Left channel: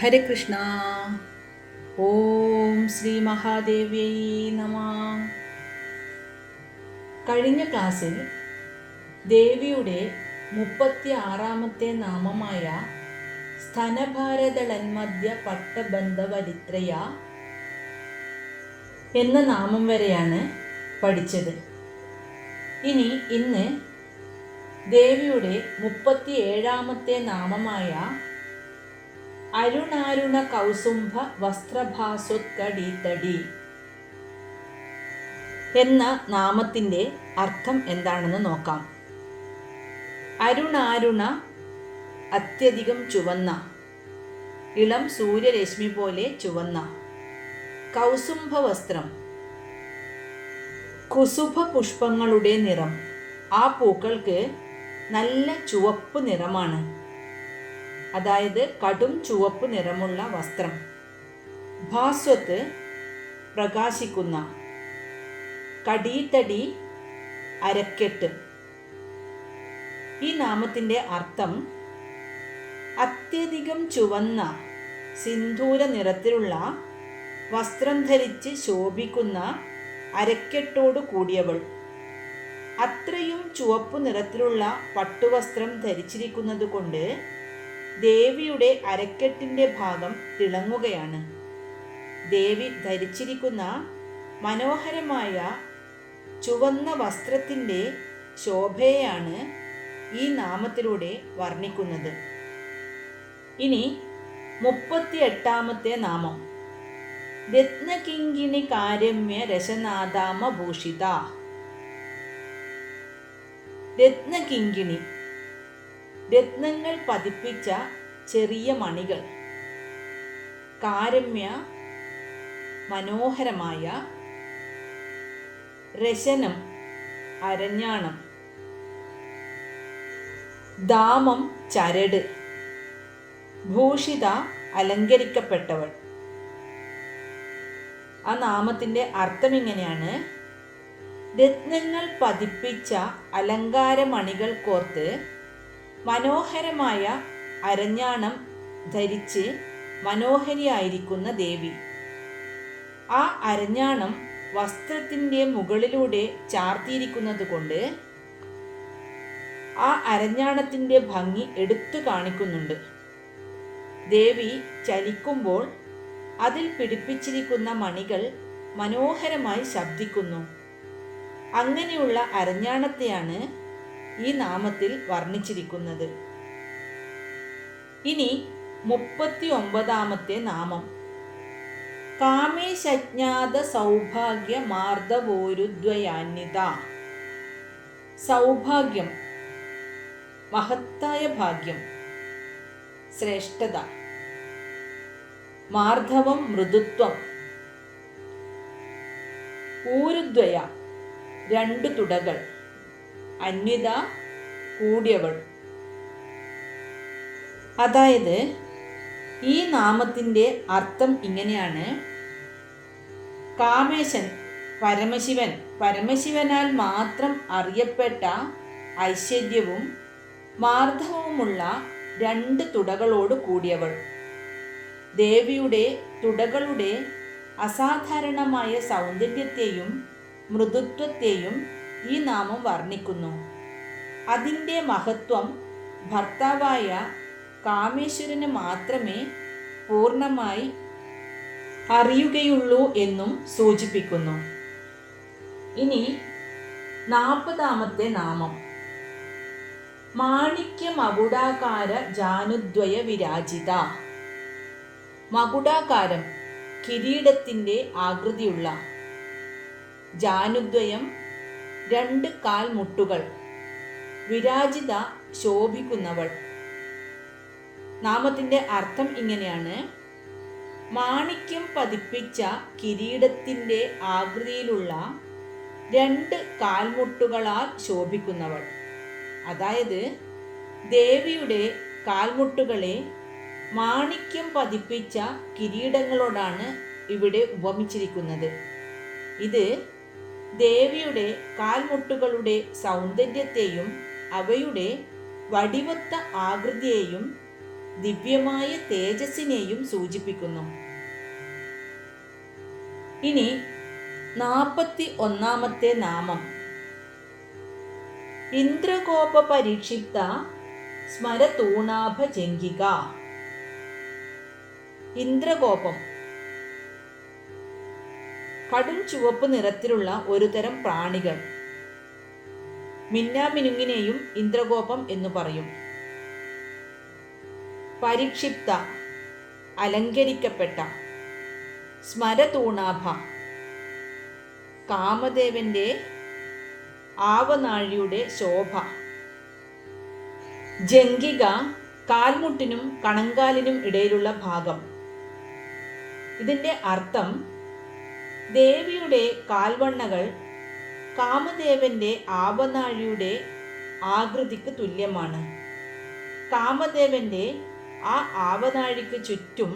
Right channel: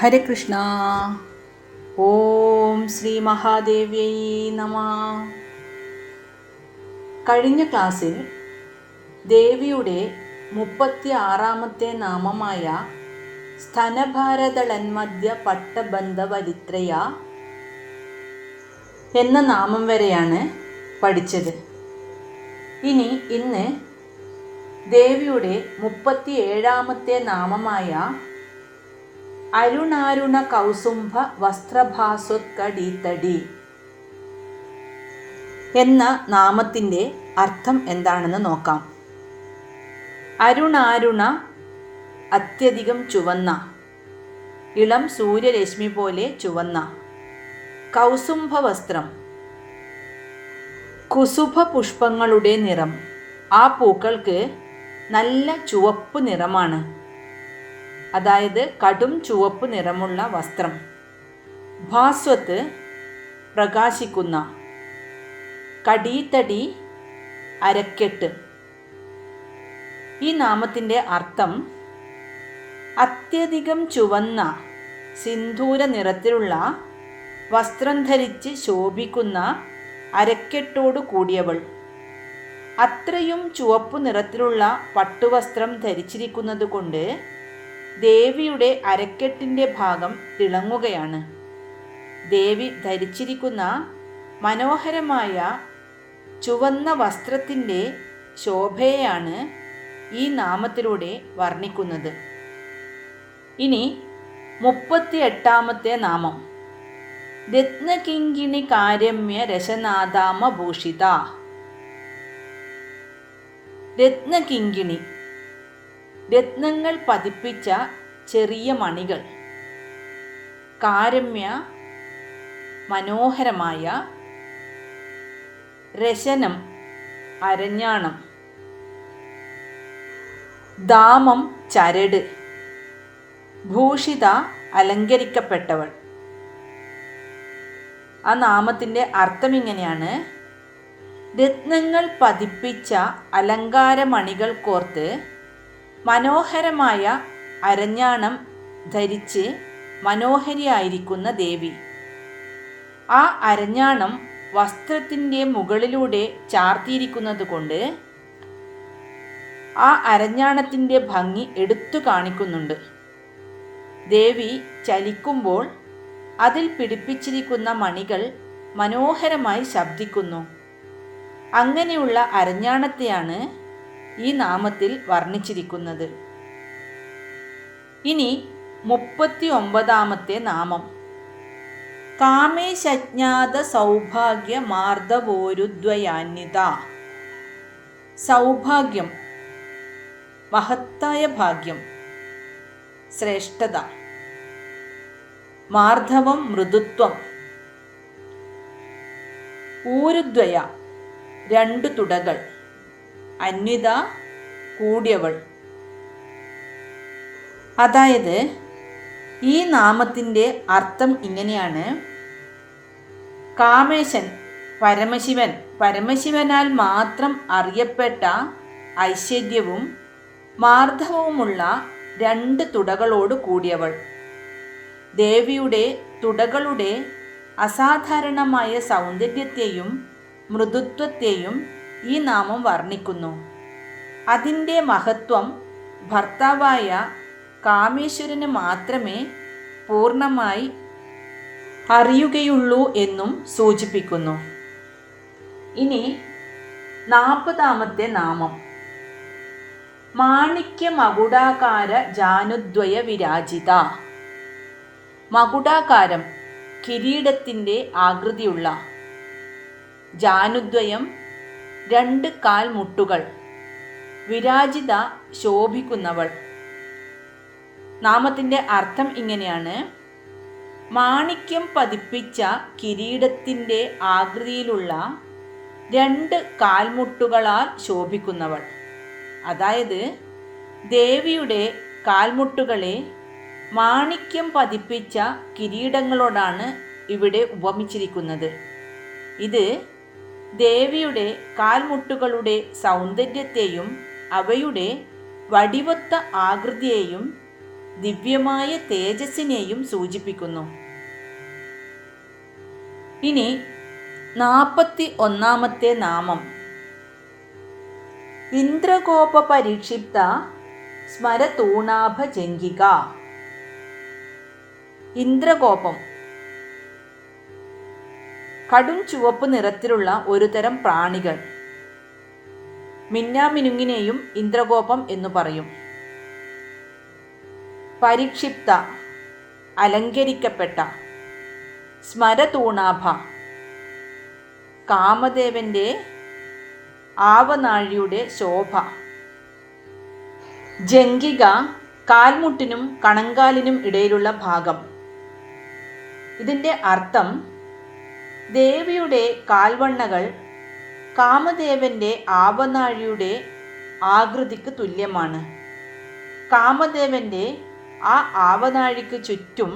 ഹരേ കൃഷ്ണ. ഓം ശ്രീ മഹാദേവ്യൈ നമ. കഴിഞ്ഞ ക്ലാസ്സിൽ ദേവിയുടെ 36-ാമത്തെ നാമമായ സ്തനഭാരതളന്മധ്യ പട്ടബന്ധവരിത്രയ എന്ന നാമം വരെയാണ് പഠിച്ചത്. ഇന്ന് ദേവിയുടെ 37-ാമത്തെ നാമമായ അരുണാരുണ കൗസുംഭ വസ്ത്രഭാസുത്കടീതടി എന്ന നാമത്തിൻ്റെ അർത്ഥം എന്താണെന്ന് നോക്കാം. അരുണാരുണ അത്യധികം ചുവന്ന, ഇളം സൂര്യരശ്മി പോലെ ചുവന്ന. കൗസുംഭ വസ്ത്രം, കുസുഭ പുഷ്പങ്ങളുടെ നിറം. ആ പൂക്കൾക്ക് നല്ല ചുവപ്പ് നിറമാണ്, അതായത് കടും ചുവപ്പ് നിറമുള്ള വസ്ത്രം. ഭാസ്വത്ത് പ്രകാശിക്കുന്ന. കടീതടി അരക്കെട്ട്. ഈ നാമത്തിൻ്റെ അർത്ഥം അത്യധികം ചുവന്ന സിന്ദൂര നിറത്തിലുള്ള വസ്ത്രം ധരിച്ച് ശോഭിക്കുന്ന അരക്കെട്ടോടു കൂടിയവൾ. അത്രയും ചുവപ്പു നിറത്തിലുള്ള പട്ടുവസ്ത്രം ധരിച്ചിരിക്കുന്നത് കൊണ്ട് ദേവിയുടെ അരക്കെട്ടിൻ്റെ ഭാഗം തിളങ്ങുകയാണ്. ദേവി ധരിച്ചിരിക്കുന്ന മനോഹരമായ ചുവന്ന വസ്ത്രത്തിൻ്റെ ശോഭയെയാണ് ഈ നാമത്തിലൂടെ വർണ്ണിക്കുന്നത്. ഇനി 38-ാമത്തെ നാമം രത്നകിങ്കിണി കാരമ്യ രശനാദാമഭൂഷിത. രത്നകിങ്കിണി, രത്നങ്ങൾ പതിപ്പിച്ച ചെറിയ മണികൾ. കാരമ്യ, മനോഹരമായ. രശനം, അരഞ്ഞാണം. ദാമം, ചരട്. ഭൂഷിത, അലങ്കരിക്കപ്പെട്ടവൾ. ആ നാമത്തിൻ്റെ അർത്ഥം ഇങ്ങനെയാണ്: രത്നങ്ങൾ പതിപ്പിച്ച അലങ്കാരമണികൾ കോർത്ത് മനോഹരമായ അരഞ്ഞാണം ധരിച്ച് മനോഹരിയായിരിക്കുന്ന ദേവി. ആ അരഞ്ഞാണം വസ്ത്രത്തിൻ്റെ മുകളിലൂടെ ചാർത്തിയിരിക്കുന്നത് കൊണ്ട് ആ അരഞ്ഞാണത്തിൻ്റെ ഭംഗി എടുത്തു കാണിക്കുന്നുണ്ട്. ദേവി ചലിക്കുമ്പോൾ അതിൽ പിടിപ്പിച്ചിരിക്കുന്ന മണികൾ മനോഹരമായി ശബ്ദിക്കുന്നു. അങ്ങനെയുള്ള അരഞ്ഞാണത്തെയാണ് ഈ നാമത്തിൽ വർണ്ണിച്ചിരിക്കുന്നത്. ഇനി 39-ാമത്തെ നാമം കാമേശജ്ഞാത സൗഭാഗ്യ മാർദ്ദവോരുദ്വയാന്വിത. സൗഭാഗ്യം, മഹത്തായ ഭാഗ്യം, ശ്രേഷ്ഠത. മാർദ്ദവം, മൃദുത്വം. ഊരുദ്വയ, 2 തുടകൾ. അന്വിത, കൂടിയവൾ. അതായത് ഈ നാമത്തിൻ്റെ അർത്ഥം ഇങ്ങനെയാണ്: കാമേശൻ, പരമശിവൻ, പരമശിവനാൽ മാത്രം അറിയപ്പെട്ട ഐശ്വര്യവും മാർദ്ദവവുമുള്ള 2 തുടകളോട് കൂടിയവൾ. ദേവിയുടെ തുടകളുടെ അസാധാരണമായ സൗന്ദര്യത്തെയും മൃദുത്വത്തെയും ഈ നാമം വർണ്ണിക്കുന്നു. അതിൻ്റെ മഹത്വം ഭർത്താവായ കാമേശ്വരന് മാത്രമേ പൂർണ്ണമായി അറിയുകയുള്ളൂ എന്നും സൂചിപ്പിക്കുന്നു. ഇനി 40-ാമത്തെ നാമം മാണിക്യ മകുടാകാര ജാനുദ്വയ വിരാജിത. മകുടാകാരം, കിരീടത്തിൻ്റെ ആകൃതിയുള്ള. ജാനുദ്വയം, 2 കാൽമുട്ടുകൾ. വിരാജിത, ശോഭിക്കുന്നവൾ. നാമത്തിൻ്റെ അർത്ഥം ഇങ്ങനെയാണ്: മാണിക്യം പതിപ്പിച്ച കിരീടത്തിൻ്റെ ആകൃതിയിലുള്ള 2 കാൽമുട്ടുകളാൽ ശോഭിക്കുന്നവൾ. അതായത് ദേവിയുടെ കാൽമുട്ടുകളെ മാണിക്യം പതിപ്പിച്ച കിരീടങ്ങളോടാണ് ഇവിടെ ഉപമിച്ചിരിക്കുന്നത്. ഇത് ദേവിയുടെ കാൽമുട്ടുകളുടെ സൗന്ദര്യത്തെയും അവയുടെ വടിവൊത്ത ആകൃതിയെയും ദിവ്യമായ തേജസ്സിനെയും സൂചിപ്പിക്കുന്നു. ഇനി 41 നാമം ഇന്ദ്രകോപ പരിക്ഷിപ്ത സ്മരതൂണാഭജംഗിക. ഇന്ദ്രകോപം കടും ചുവപ്പ് നിറത്തിലുള്ള ഒരു തരം പ്രാണികൾ. മിന്നാമിനുങ്ങിനെയും ഇന്ദ്രകോപം എന്നു പറയും. പരിക്ഷിപ്ത അലങ്കരിക്കപ്പെട്ട. സ്മരതൂണാഭ കാമദേവന്റെ ആവനാഴിയുടെ ശോഭ. ജംഗിക കാൽമുട്ടിനും കണങ്കാലിനും ഇടയിലുള്ള ഭാഗം. ഇതിൻ്റെ അർത്ഥം ദേവിയുടെ കാൽവണ്ണകൾ കാമദേവന്റെ ആവനാഴിയുടെ ആകൃതിക്ക് തുല്യമാണ്. കാമദേവന്റെ ആ ആവനാഴിക്ക് ചുറ്റും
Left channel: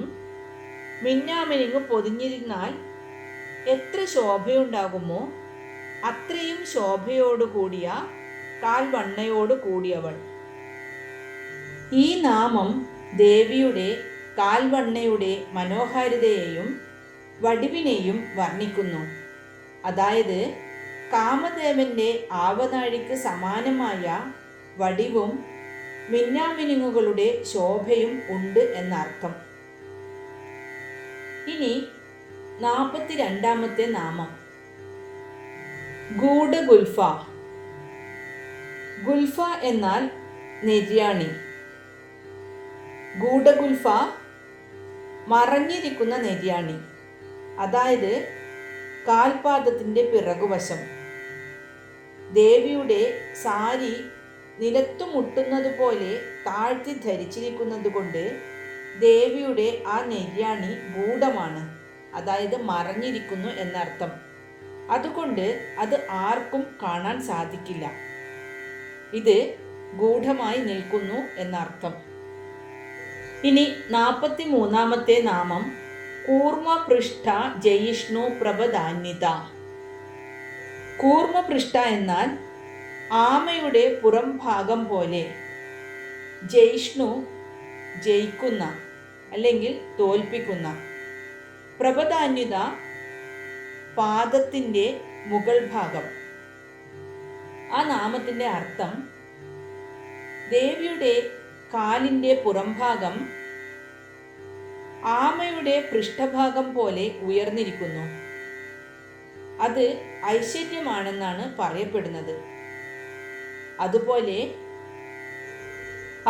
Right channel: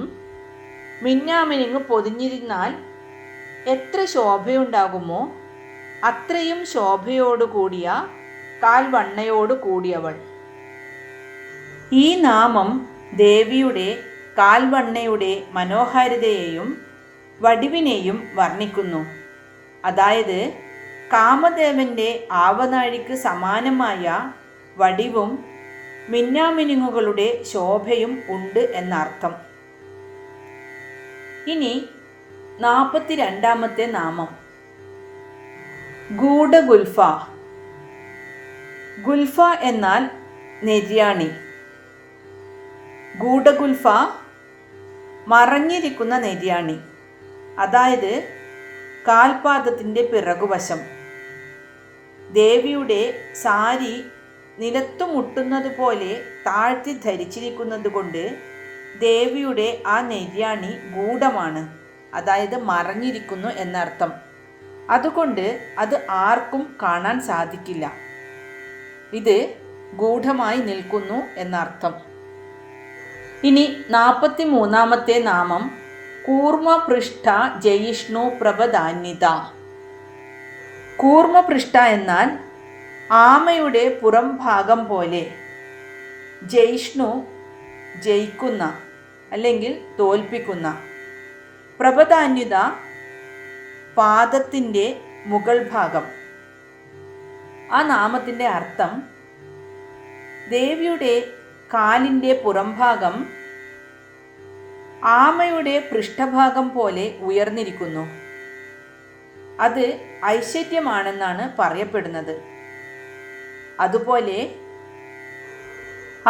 മിന്നാമിനുങ്ങ് പൊതിഞ്ഞിരുന്നാൽ എത്ര ശോഭയുണ്ടാകുമോ അത്രയും ശോഭയോടുകൂടിയ കാൽവണ്ണയോടു കൂടിയവൾ. ഈ നാമം ദേവിയുടെ കാൽവണ്ണയുടെ മനോഹാരിതയെയും വടിവിനെയും വർണ്ണിക്കുന്നു. അതായത് കാമദേവന്റെ ആവനാഴിക്ക് സമാനമായ വടിവും മിന്നാമിനുങ്ങുകളുടെ ശോഭയും ഉണ്ട് എന്നർത്ഥം. ഇനി 42 നാമം ഗൂഢഗുൽഫ. ഗുൽഫ എന്നാൽ നെര്യാണി. ഗൂഢഗുൽഫ മറഞ്ഞിരിക്കുന്ന നെര്യാണി, അതായത് കാൽപാദത്തിൻ്റെ പിറകുവശം. ദേവിയുടെ സാരി നിലത്തു മുട്ടുന്നത് പോലെ താഴ്ത്തി ധരിച്ചിരിക്കുന്നത് കൊണ്ട് ദേവിയുടെ ആ നെര്യാണി ഗൂഢമാണ്, അതായത് മറഞ്ഞിരിക്കുന്നു എന്നർത്ഥം. അതുകൊണ്ട് അത് ആർക്കും കാണാൻ സാധിക്കില്ല. ഇത് ഗൂഢമായി നിൽക്കുന്നു എന്നർത്ഥം. ഇനി 43 നാമം കൂർമ്മപൃഷ്ഠ ജയിഷ്ണു പ്രഭധാന്വിത. കൂർമ്മപൃഷ്ഠ എന്നാൽ ആമയുടെ പുറം ഭാഗം പോലെ. ജയിഷ്ണു ജയിക്കുന്ന അല്ലെങ്കിൽ തോൽപ്പിക്കുന്ന. പ്രഭധാന്വിത പാദത്തിൻ്റെ മുകൾ ഭാഗം. ആ നാമത്തിൻ്റെ അർത്ഥം ദേവിയുടെ കാലിൻ്റെ പുറംഭാഗം ആമയുടെ പൃഷ്ഠഭാഗം പോലെ ഉയർന്നിരിക്കുന്നു. അത് ഐശ്വര്യമാണെന്നാണ് പറയപ്പെടുന്നത്.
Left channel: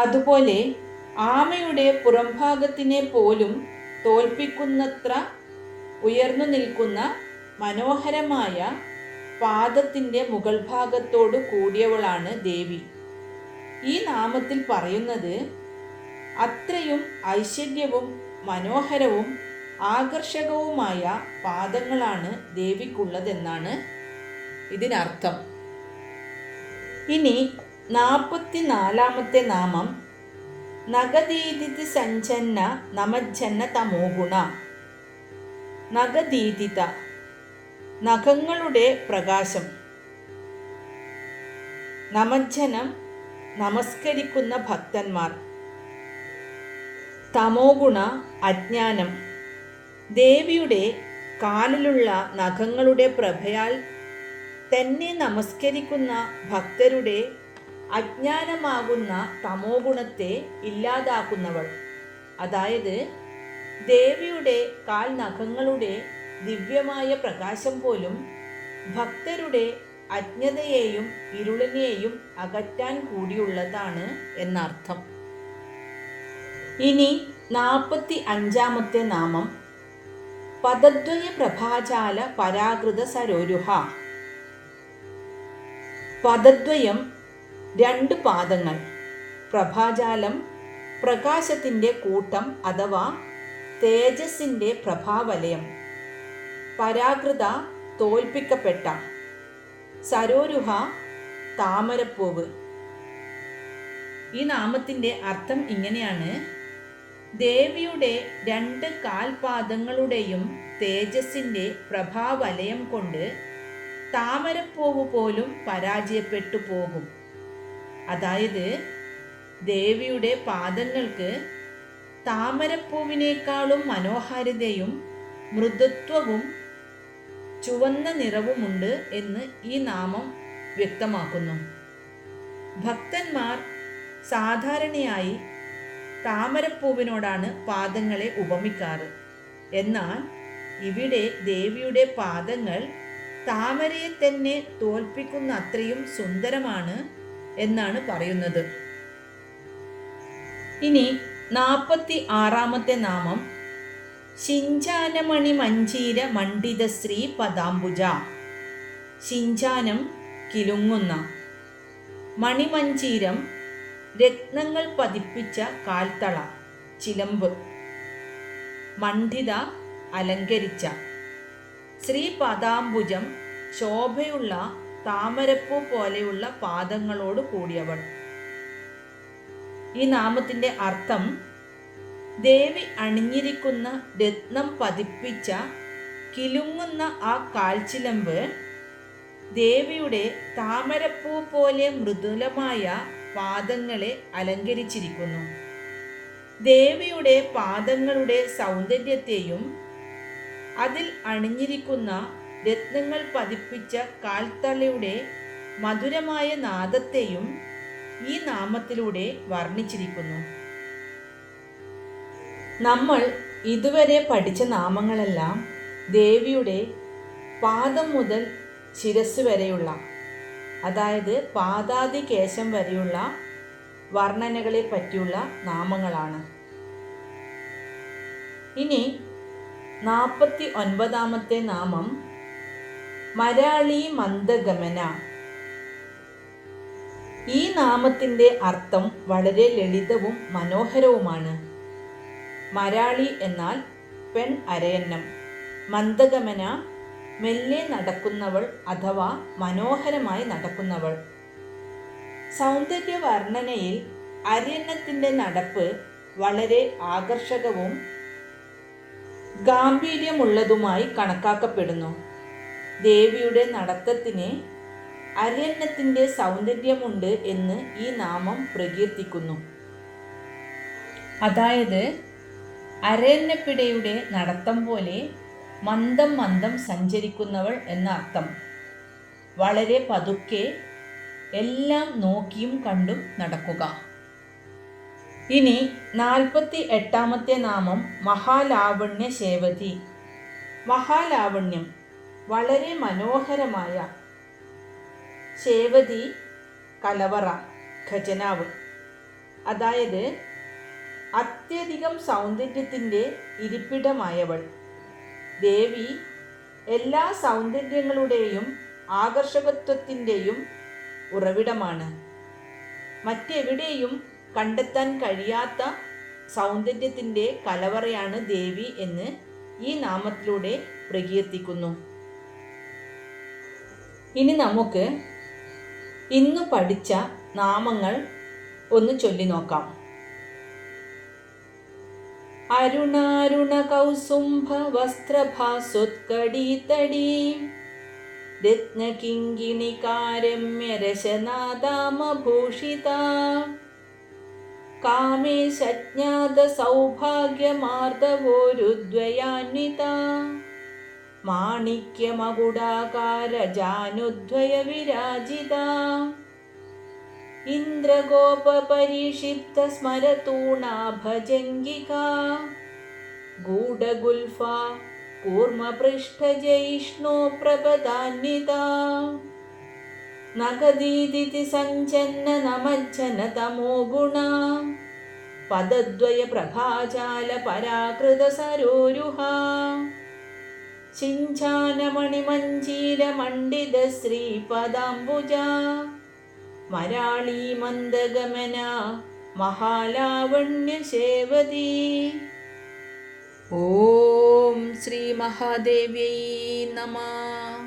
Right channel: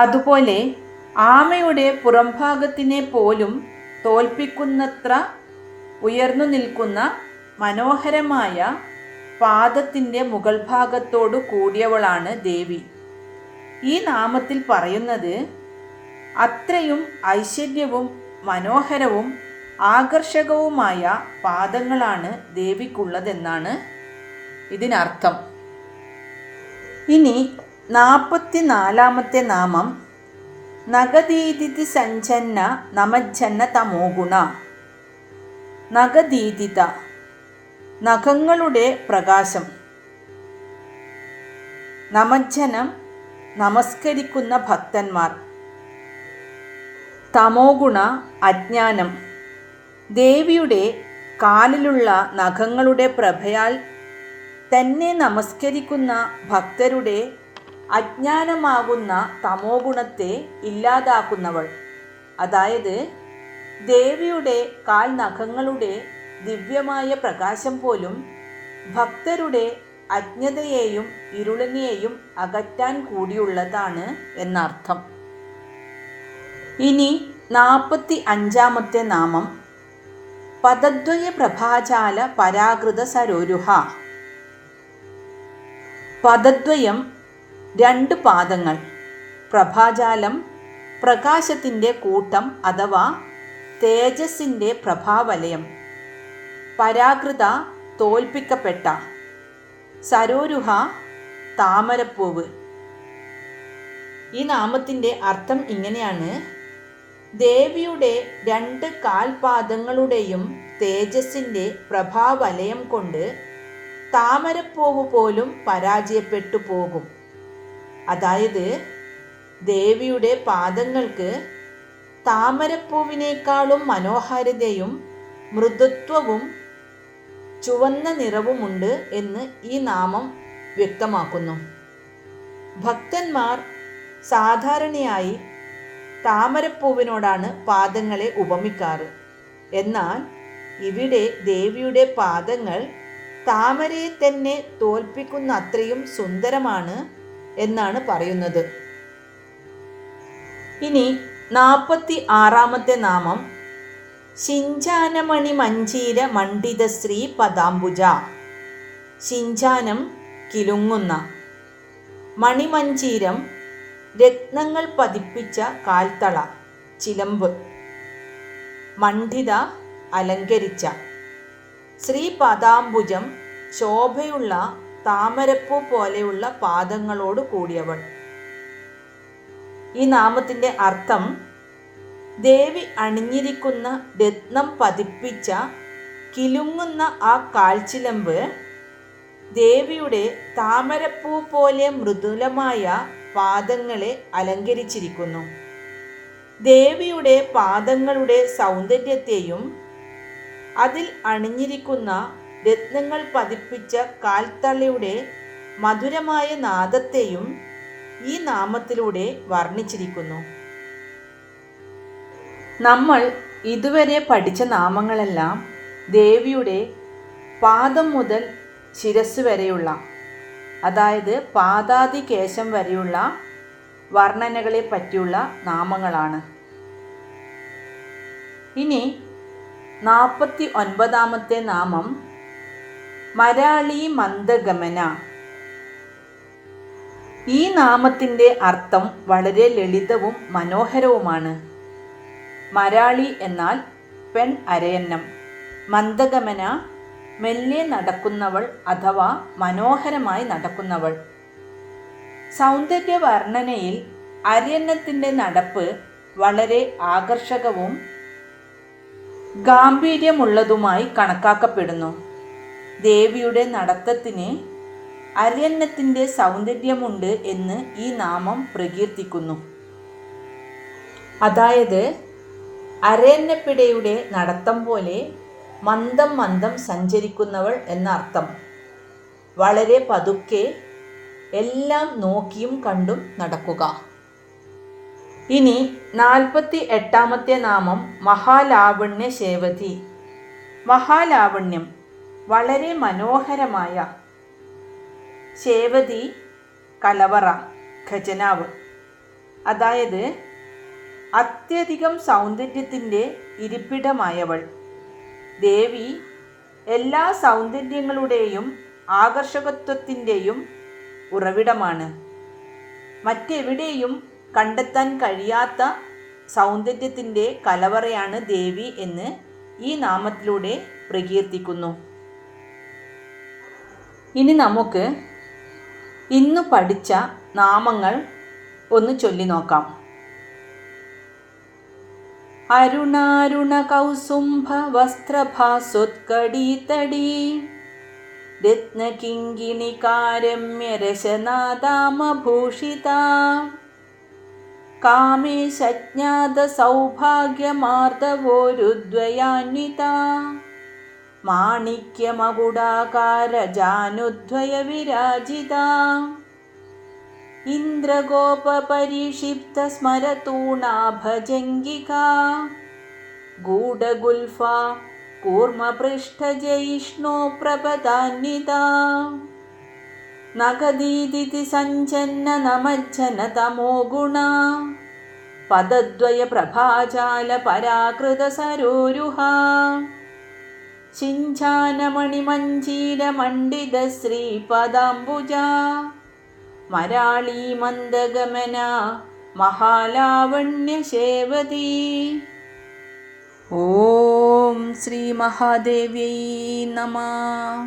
അതുപോലെ ആമയുടെ പുറംഭാഗത്തിനെ പോലും തോൽപ്പിക്കുന്നത്ര ഉയർന്നു നിൽക്കുന്ന മനോഹരമായ പാദത്തിൻ്റെ മുകൾ ഭാഗത്തോടു കൂടിയവളാണ് ദേവി. ഈ നാമത്തിൽ പറയുന്നത് അത്രയും ഐശ്വര്യവും മനോഹരവും ആകർഷകവുമായ പാദങ്ങളാണ് ദേവിക്കുള്ളതെന്നാണ് ഇതിനർത്ഥം. ഇനി 44 നാമം നഗദീദിതി സഞ്ജന്ന നമജ്ജന്ന തമോഗുണ. നഗദീദിത നഖങ്ങളുടെ പ്രകാശം. നമജ്ജനം നമസ്കരിക്കുന്ന ഭക്തന്മാർ. തമോഗുണ അജ്ഞാനം. ദേവിയുടെ കാലിലുള്ള നഖങ്ങളുടെ പ്രഭയാൽ തന്നെ നമസ്കരിക്കുന്ന ഭക്തരുടെ അജ്ഞാനമാകുന്ന തമോഗുണത്തെ ഇല്ലാതാക്കുന്നവൾ. അതായത് ദേവിയുടെ കാൽ നഖങ്ങളുടെ ദിവ്യമായ പ്രകാശം പോലും ഭക്തരുടെ അജ്ഞതയെയും ഇരുളിനെയും അകറ്റാൻ കൂടിയുള്ളതാണ് എന്നർത്ഥം. ഇനി 45 നാമം പദദ്വയ പ്രഭാജാല പരാകൃത സരോരുഹ. പദദ്വയം 2 പാദങ്ങൾ. പ്രഭാജാലം പ്രകാശത്തിൻ്റെ കൂട്ടം അഥവാ തേജസ്സിൻ്റെ പ്രഭാവലയം. പരാകൃത തോൽപ്പിക്കപ്പെട്ട. സരോരുഹ താമരപ്പൂവ്. ഈ നാമത്തിൻ്റെ അർത്ഥം ഇങ്ങനെയാണ്: ദേവിയുടെ 2 കാൽപാദങ്ങളുടെയും തേജസ്സിൻ്റെ പ്രഭാവലയം കൊണ്ട് താമരപ്പൂവ് പോലും പരാജയപ്പെട്ടു പോകും. അതായത് ദേവിയുടെ പാദങ്ങൾക്ക് താമരപ്പൂവിനേക്കാളും മനോഹാരിതയും മൃദുത്വവും ചുവന്ന നിറവുമുണ്ട് എന്ന് ഈ നാമം വ്യക്തമാക്കുന്നു. ഭക്തന്മാർ സാധാരണയായി താമരപ്പൂവിനോടാണ് പാദങ്ങളെ ഉപമിക്കാറ്. എന്നാൽ ഇവിടെ ദേവിയുടെ പാദങ്ങൾ താമരയെ തന്നെ തോൽപ്പിക്കുന്ന അത്രയും സുന്ദരമാണ് എന്നാണ് പറയുന്നത്. ഇനി 46-ാമത്തെ നാമം ശിഞ്ചാനമണി മഞ്ജീര മണ്ഡിതശ്രീ പദാംബുജ. ശിഞ്ചാനം കിലുങ്ങുന്ന, മണിമഞ്ജീരം രത്നങ്ങൾ പതിപ്പിച്ച കാൽത്തള ചിലമ്പ്, മണ്ഡിത അലങ്കരിച്ച, ശ്രീപദാംബുജം ശോഭയുള്ള താമരപ്പൂ പോലെയുള്ള പാദങ്ങളോട് കൂടിയവൾ. ഈ നാമത്തിൻ്റെ അർത്ഥം ദേവി അണിഞ്ഞിരിക്കുന്ന രത്നം പതിപ്പിച്ച കിലുങ്ങുന്ന ആ കാൽച്ചിലമ്പ് ദേവിയുടെ താമരപ്പൂ പോലെ മൃദുലമായ പാദങ്ങളെ അലങ്കരിച്ചിരിക്കുന്നു. ദേവിയുടെ പാദങ്ങളുടെ സൗന്ദര്യത്തെയും അതിൽ അണിഞ്ഞിരിക്കുന്ന രത്നങ്ങൾ പതിപ്പിച്ച കാൽത്തളയുടെ മധുരമായ നാദത്തെയും ഈ നാമത്തിലൂടെ വർണ്ണിച്ചിരിക്കുന്നു. നമ്മൾ ഇതുവരെ പഠിച്ച നാമങ്ങളെല്ലാം ദേവിയുടെ പാദം മുതൽ ശിരസ് വരെയുള്ള, അതായത് പാദാദികേശം വരെയുള്ള വർണ്ണനകളെ പറ്റിയുള്ള നാമങ്ങളാണ്. ഇനി 49-ാമത്തെ നാമം മരാളി മന്ദഗമന. ഈ നാമത്തിൻ്റെ അർത്ഥം വളരെ ലളിതവും മനോഹരവുമാണ്. മരാളി എന്നാൽ പെൺ അരയന്നം, മന്ദഗമന മെല്ലെ നടക്കുന്നവൾ അഥവാ മനോഹരമായി നടക്കുന്നവൾ. സൗന്ദര്യ വർണ്ണനയിൽ അരയന്നത്തിൻ്റെ നടപ്പ് വളരെ ആകർഷകവും ഗാംഭീര്യമുള്ളതുമായി കണക്കാക്കപ്പെടുന്നു. ദേവിയുടെ നടത്തത്തിന് അരയന്നത്തിൻ്റെ സൗന്ദര്യമുണ്ട് എന്ന് ഈ നാമം പ്രകീർത്തിക്കുന്നു. അതായത് അരയന്നപ്പിടയുടെ നടത്തം പോലെ മന്ദം മന്ദം സഞ്ചരിക്കുന്നവൾ എന്നർത്ഥം. വളരെ പതുക്കെ എല്ലാം നോക്കിയും കണ്ടും നടക്കുക. ഇനി 48-ാമത്തെ നാമം മഹാലാവണ്യ ശേവതി. മഹാലാവണ്യം വളരെ മനോഹരമായ, ശേവതി കലവറ, ഖജനാവ്. അതായത് അത്യധികം സൗന്ദര്യത്തിൻ്റെ ഇരിപ്പിടമായവൾ. ദേവി എല്ലാ സൗന്ദര്യങ്ങളുടെയും ആകർഷകത്വത്തിൻ്റെയും ഉറവിടമാണ്. മറ്റെവിടെയും കണ്ടെത്താൻ കഴിയാത്ത സൗന്ദര്യത്തിൻ്റെ കലവറയാണ് ദേവി എന്ന് ഈ നാമത്തിലൂടെ പ്രകീർത്തിക്കുന്നു. ഇനി നമുക്ക് ഇന്ന് പഠിച്ച നാമങ്ങൾ ഒന്ന് ചൊല്ലി നോക്കാം. അരുണാരുണ കൗസുംഭ വസ്ത്രഭാസുത്കടീതടീ രത്നകിങ്കിണികാരമ്യരശനാദാമഭൂഷിതാ കാമേശജ്ഞാത സൗഭാഗ്യമാർദ്ദവോരുദ്വയാന്വിതാ മാണിക്യമകുടാകാരജാനുദ്വയ വിരാജിതാ ഇന്ദ്രഗോപപരിക്ഷിപ്ത സ്മരതൂണാഭജംഗികാ ഗൂഢഗുൽഫാ കൂർമ്മപൃഷ്ഠജയിഷ്ണോ പ്രപദാന്വിതാ നഖദീദിതി സഞ്ചന്ന നമജ്ജന തമോ ഗുണാ പദദ്വയ പ്രഭാജാല പരാകൃത സരോരുഹാ ശിഞ്ചാനമണിമഞ്ജീര മണ്ഡിത ശ്രീപദാംബുജാ മരാളി മന്ദഗമന മഹാലാവണ്യ ശേവതി. ഓം ശ്രീ മഹാദേവ്യൈ നമഃ.